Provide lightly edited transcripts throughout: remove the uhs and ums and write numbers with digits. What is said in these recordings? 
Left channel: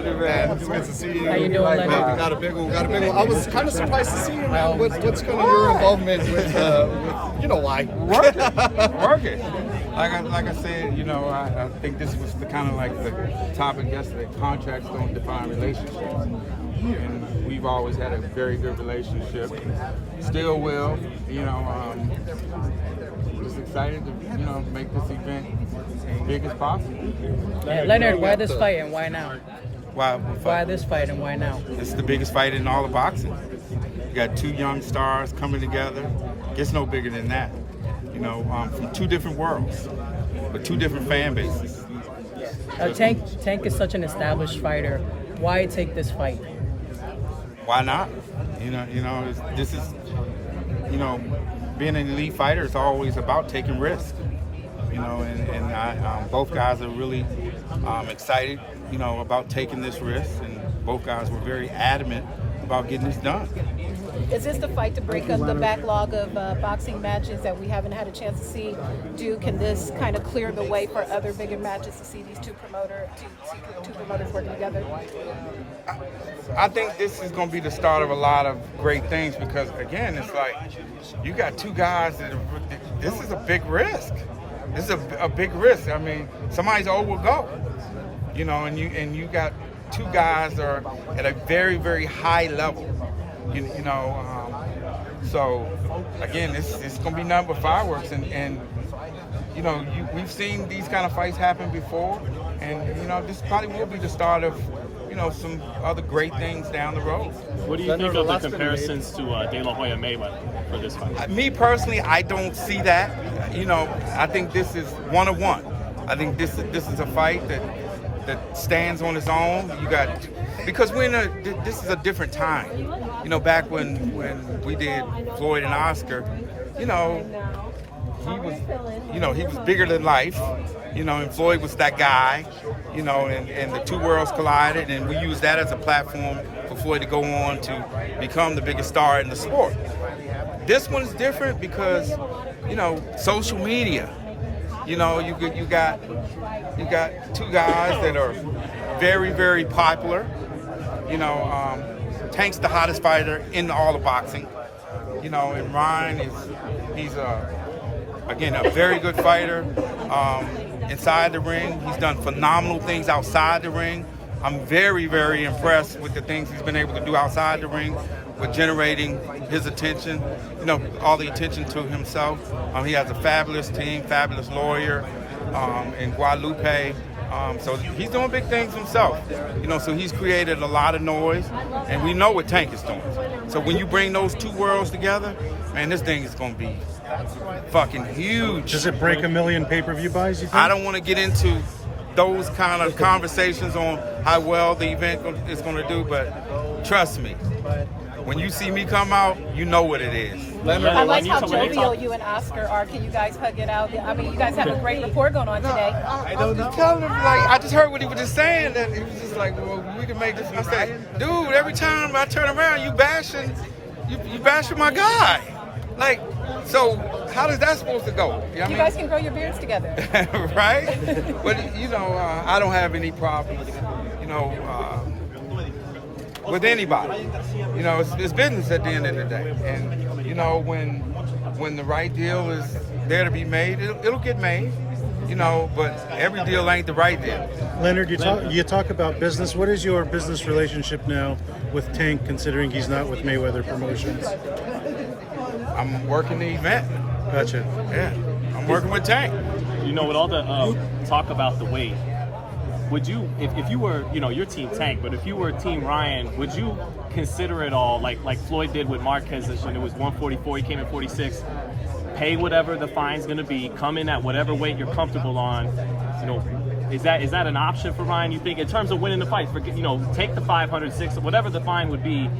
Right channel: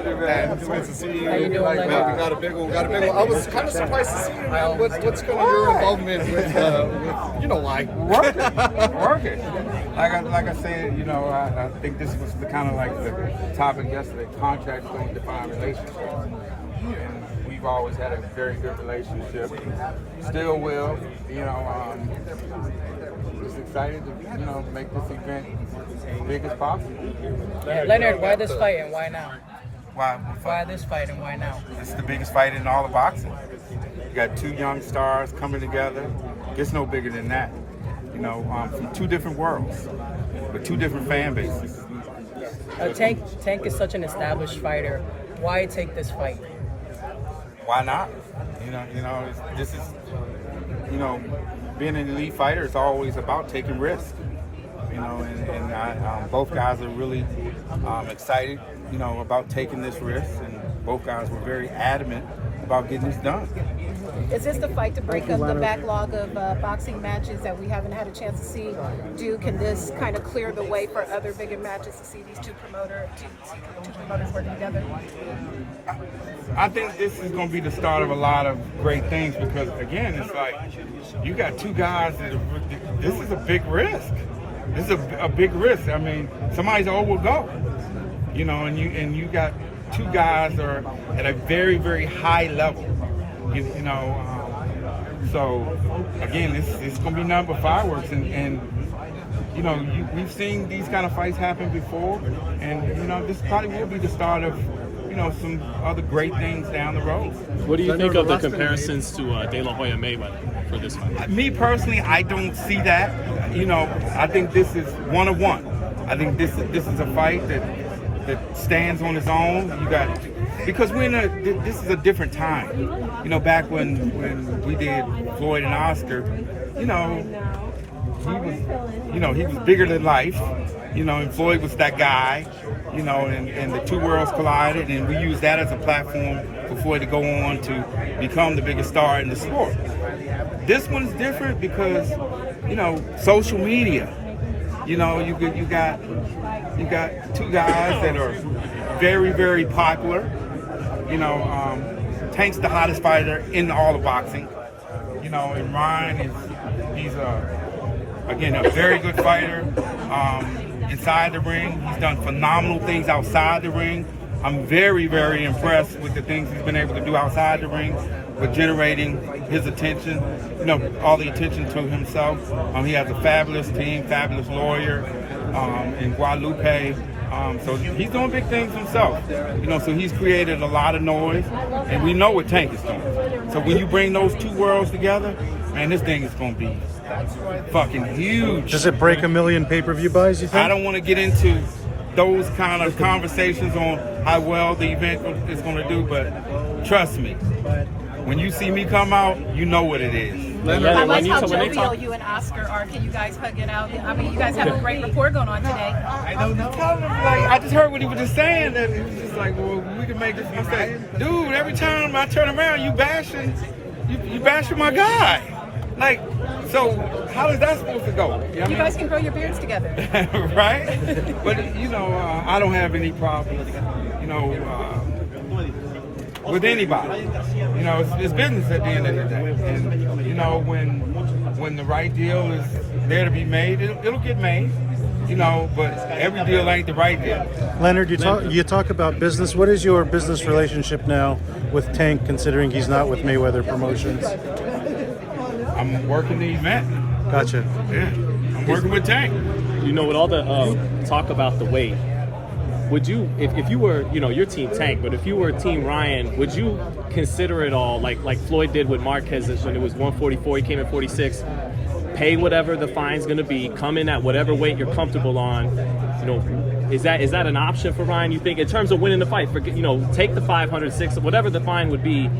got you, man. It's nice to see you. How you doing, Leonard? Got a big one. I was kind of surprised to see you, man. What's kind of your involvement with you know why? Working. Like I said, you know, I think this was the kind of like the topic yesterday. Contracts don't define relationships. And we've always had a very good relationship. Still will. You know, just excited to, you know, make this event as big as possible. Leonard, why this fight and why now? Why this fight and why now? This is the biggest fight in all of boxing. You got two young stars coming together. Gets no bigger than that. You know, from two different worlds, but two different fan bases. Tank is such an established fighter. Why take this fight? Why not? This is, you know, being an elite fighter is always about taking risks. You know, and both guys are really excited, you know, about taking this risk, and both guys were very adamant about getting this done. Is this the fight to break up the backlog of boxing matches that we haven't had a chance to see? Can this kind of clear the way for other bigger matches to see these two promoters working together? I think this is going to be the start of a lot of great things because, again, it's like you got two guys that this is a big risk. This is a big risk. I mean, somebody's will go, you know, and you got two guys that are at a very, very high level. You know, so again, it's going to be nothing but fireworks, and you know, we've seen these kind of fights happen before, and you know, this probably will be the start of, you know, some other great things down the road. What do you think of the comparisons to De La Hoya Mayweather for this fight? Me personally, I don't see that. You know, I think this is one of one. I think this is a fight that stands on its own. You got, because this is a different time. You know, back when we did Floyd and Oscar, you know, he was bigger than life. You know, and Floyd was that guy. You know, and the two worlds collided, and we used that as a platform for Floyd to go on to become the biggest star in the sport. This one's different because, you know, social media. You know, you got two guys that are very, very popular. You know, Tank's the hottest fighter in all of boxing. You know, and Ryan he's again a very good fighter. Inside the ring, he's done phenomenal things outside the ring. I'm very, very impressed with the things he's been able to do outside the ring with generating his attention, you know, all the attention to himself. He has a fabulous team, fabulous lawyer in Guadalupe. So he's doing big things himself, you know, so he's created a lot of noise, and we know what Tank is doing. So when you bring those two worlds together, man, this thing is going to be fucking huge. Does it break 1 million pay-per-view buys, you think? I don't want to get into those kind of conversations on how well the event is going to do, but trust me, when you see me come out, you know what it is. I like how jovial you and Oscar are. Can you guys hug it out? I mean, you guys have a great rapport going on today. I don't know. I just heard what he was just saying. That he was just like, well, we can make this. I said, dude, every time I turn around, you bashing my guy. Like, so how is that supposed to go? You guys can grow your beards together. Right? But, you know, I don't have any problems, you know, with anybody. You know, it's business at the end of the day. And, you know, when the right deal is there to be made, it'll get made. You know, but every deal ain't the right deal. Leonard, you talk about business. What is your business relationship now with Tank, considering he's not with Mayweather Promotions? I'm working the event. Gotcha. Yeah, I'm working with Tank. You know, with all the talk about the weight, would you, if you were, you know, your team Tank, but if you were Team Ryan, would you consider it all like Floyd did with Marquez when it was 144, he came in 46? Pay whatever the fine's going to be, come in at whatever weight you're comfortable on. You know, is that an option for Ryan, you think, in terms of winning the fight? You know, take the 500, 600, whatever the fine would be,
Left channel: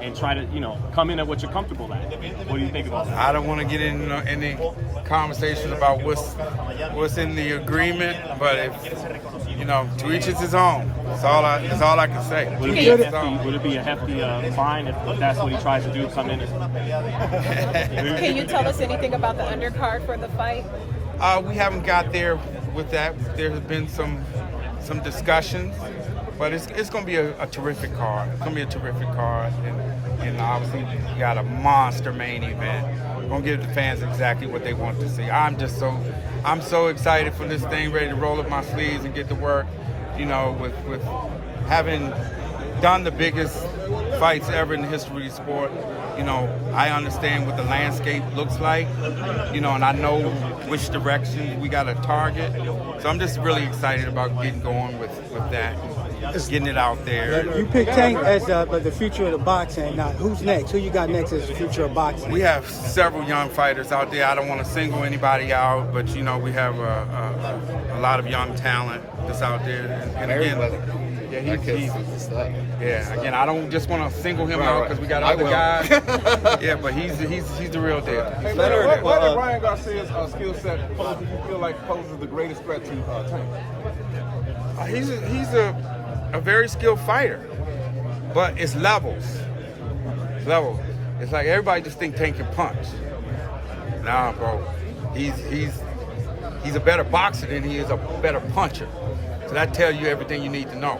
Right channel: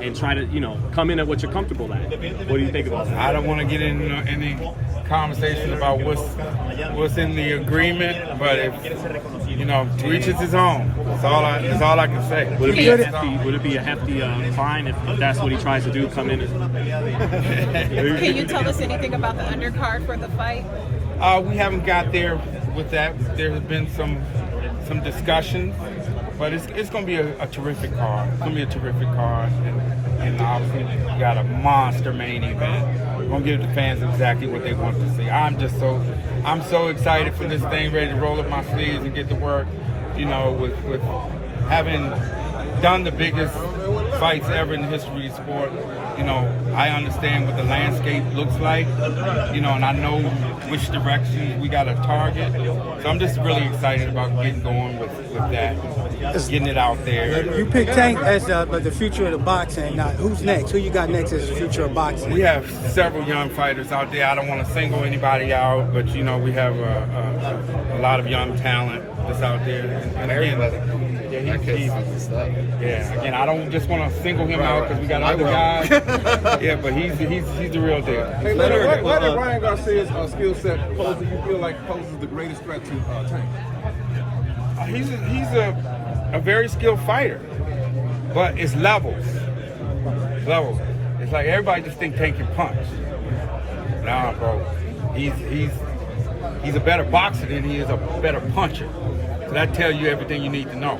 and try to, you know, come in at what you're comfortable at. What do you think about that? I don't want to get into any conversation about what's in the agreement, but if, you know, to each his own. That's all I can say. Would it be a hefty fine if that's what he tries to do, come in and... Can you tell us anything about the undercard for the fight? We haven't got there with that. There have been some discussions, But it's going to be a terrific card. It's going to be a terrific card. And obviously, you got a monster main event. We're going to give the fans exactly what they want to see. I'm so excited for this thing, ready to roll up my sleeves and get to work, you know, with having done the biggest fights ever in the history of sport. You know, I understand what the landscape looks like, you know, and I know which direction we got to target. So I'm just really excited about getting going with that, getting it out there. You picked Tank as the future of the boxing. Now, who's next? Who you got next as the future of boxing? We have several young fighters out there. I don't want to single anybody out, but, you know, we have a lot of young talent that's out there. And again, again, I don't just want to single him out because we got other guys. Yeah, but he's the real deal. Hey, Leonard, what did Ryan Garcia's skill set poses? You feel like poses the greatest threat to Tank? He's a very skilled fighter, but it's levels. It's like everybody just think Tank can punch. Nah, bro. He's a better boxer than he is a better puncher. So that tells you everything you need to know.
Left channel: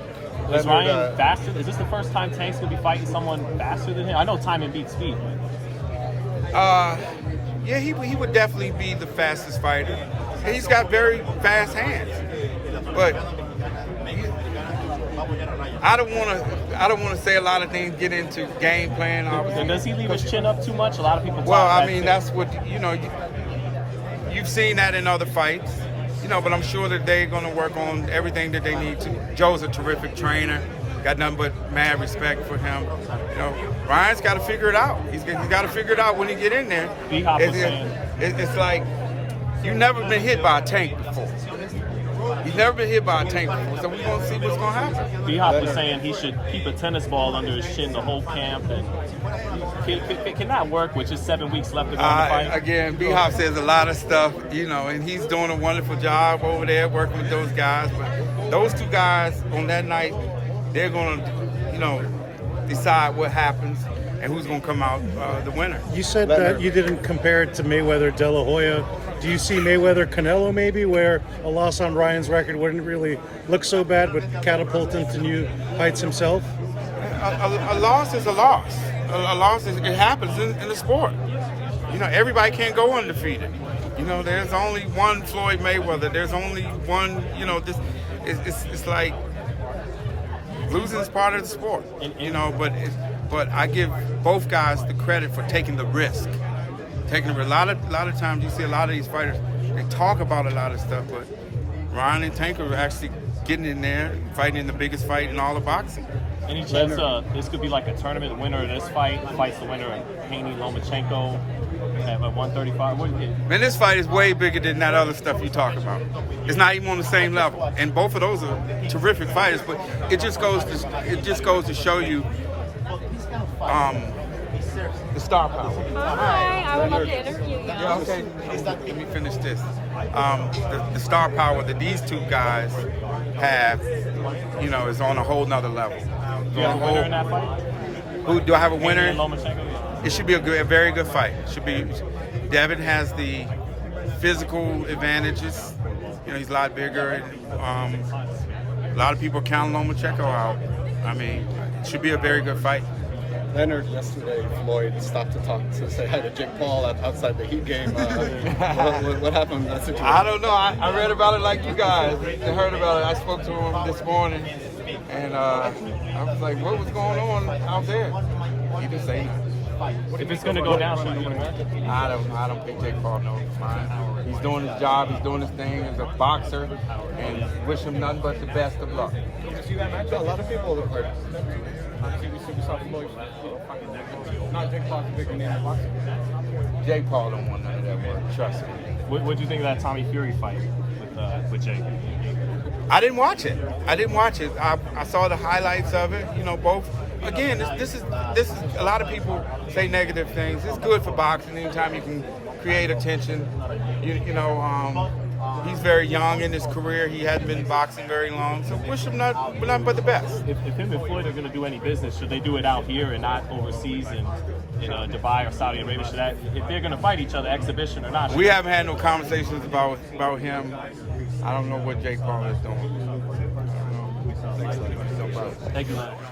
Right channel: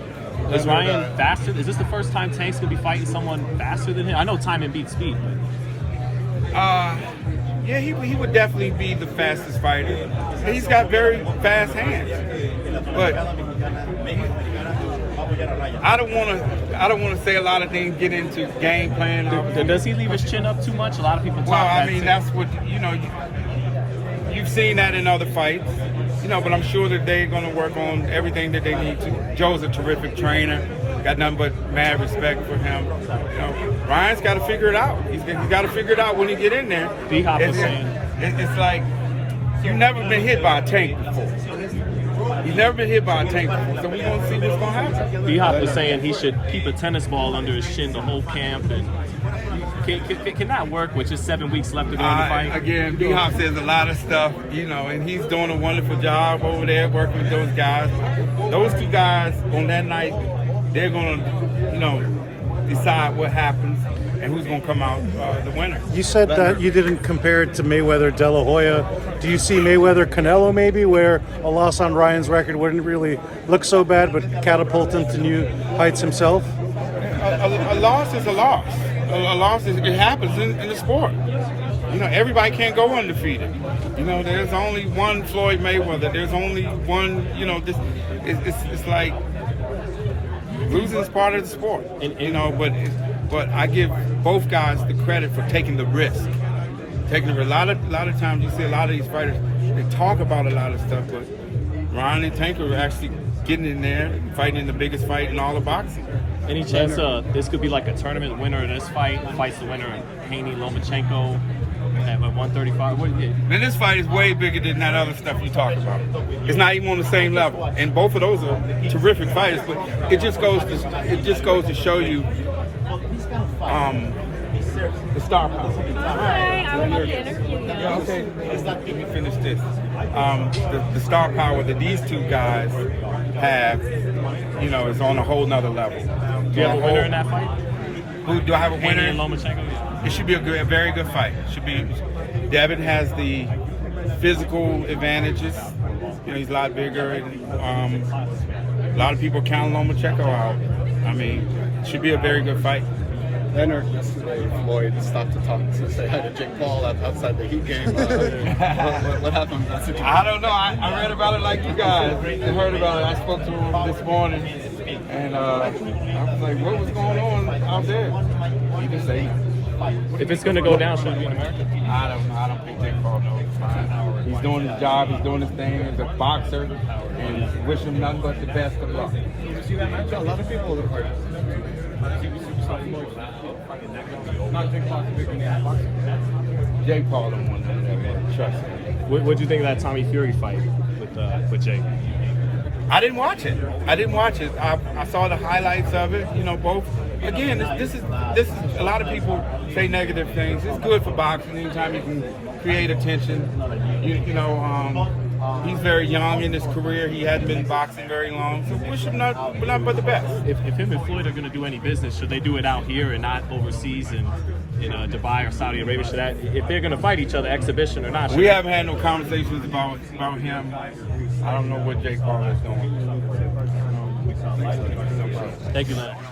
Is Ryan faster? Is this the first time Tank's gonna be fighting someone faster than him? I know timing beats speed, but yeah, he would definitely be the fastest fighter. He's got very fast hands, but I don't want to say a lot of things. Get into game plan. Does he leave his chin up too much? A lot of people. Well, I mean, that's what you've seen that in other fights. You know, but I'm sure that they're going to work on everything that they need to. Joe's a terrific trainer. Got nothing but mad respect for him. You know, Ryan's got to figure it out. He's got to figure it out when he get in there. It's like you've never been hit by a Tank before. He's never been hit by a Tank before, so we're going to see what's going to happen. D-Hop was saying he should keep a tennis ball under his chin the whole camp, and can that work with just 7 weeks left to go in the fight? Again, D-Hop says a lot of stuff, you know, and he's doing a wonderful job over there working with those guys. Those two guys on that night, they're going to, you know, decide what happens and who's going to come out the winner. You said that you didn't compare it to Mayweather De La Hoya. Do you see Mayweather Canelo maybe, where a loss on Ryan's record wouldn't really look so bad, but catapult him to new heights himself? A loss is a loss. A loss it happens in the sport. You know, everybody can't go undefeated. You know, there's only one Floyd Mayweather. There's only one. You know, this. It's like losing is part of the sport. You know, but I give both guys the credit for taking the risk. A lot of times you see a lot of these fighters, they talk about a lot of stuff, but Ryan and Tank are actually getting in there and fighting in the biggest fight in all of boxing. Any chance this could be like a tournament winner of this fight fights the winner of Haney Lomachenko at 135? Man, this fight is way bigger than that other stuff you talk about. It's not even on the same level, and both of those are terrific fighters. But it just goes to show you the star power. Hi, I would love to interview you. Yeah, okay. Let me finish this. The star power that these two guys have, you know, is on a whole nother level. Do you have a winner in that fight? Who do I have a winner? Haney and Lomachenko? It should be a very good fight. Devin has the physical advantages. You know, he's a lot bigger, and a lot of people count Lomachenko out. I mean, it should be a very good fight. Leonard, yesterday, Floyd stopped to say hi to Jake Paul outside the Heat game. What happened in that situation? I don't know. I read about it like you guys. I heard about it. I spoke to him this morning, and I was like, what was going on out there? He didn't say anything. If it's going to go down, should it be in America? I don't think Jake Paul knows. He's doing his job. He's doing his thing as a boxer, and wish him nothing but the best of luck. A lot of people are Jake Paul don't want none of that, man. Trust me. What do you think of that Tommy Fury fight with Jake? I didn't watch it. I saw the highlights of it. You know, both. Again, this is a lot of people say negative things. It's good for boxing. Anytime you can create attention. You know, he's very young in his career. He hadn't been boxing very long. So wish him nothing but the best. If him and Floyd are going to do any business, should they do it out here and not overseas in Dubai or Saudi Arabia? If they're going to fight each other, exhibition or not? We haven't had no conversations about him. I don't know what Jake Paul is doing. Thank you, man.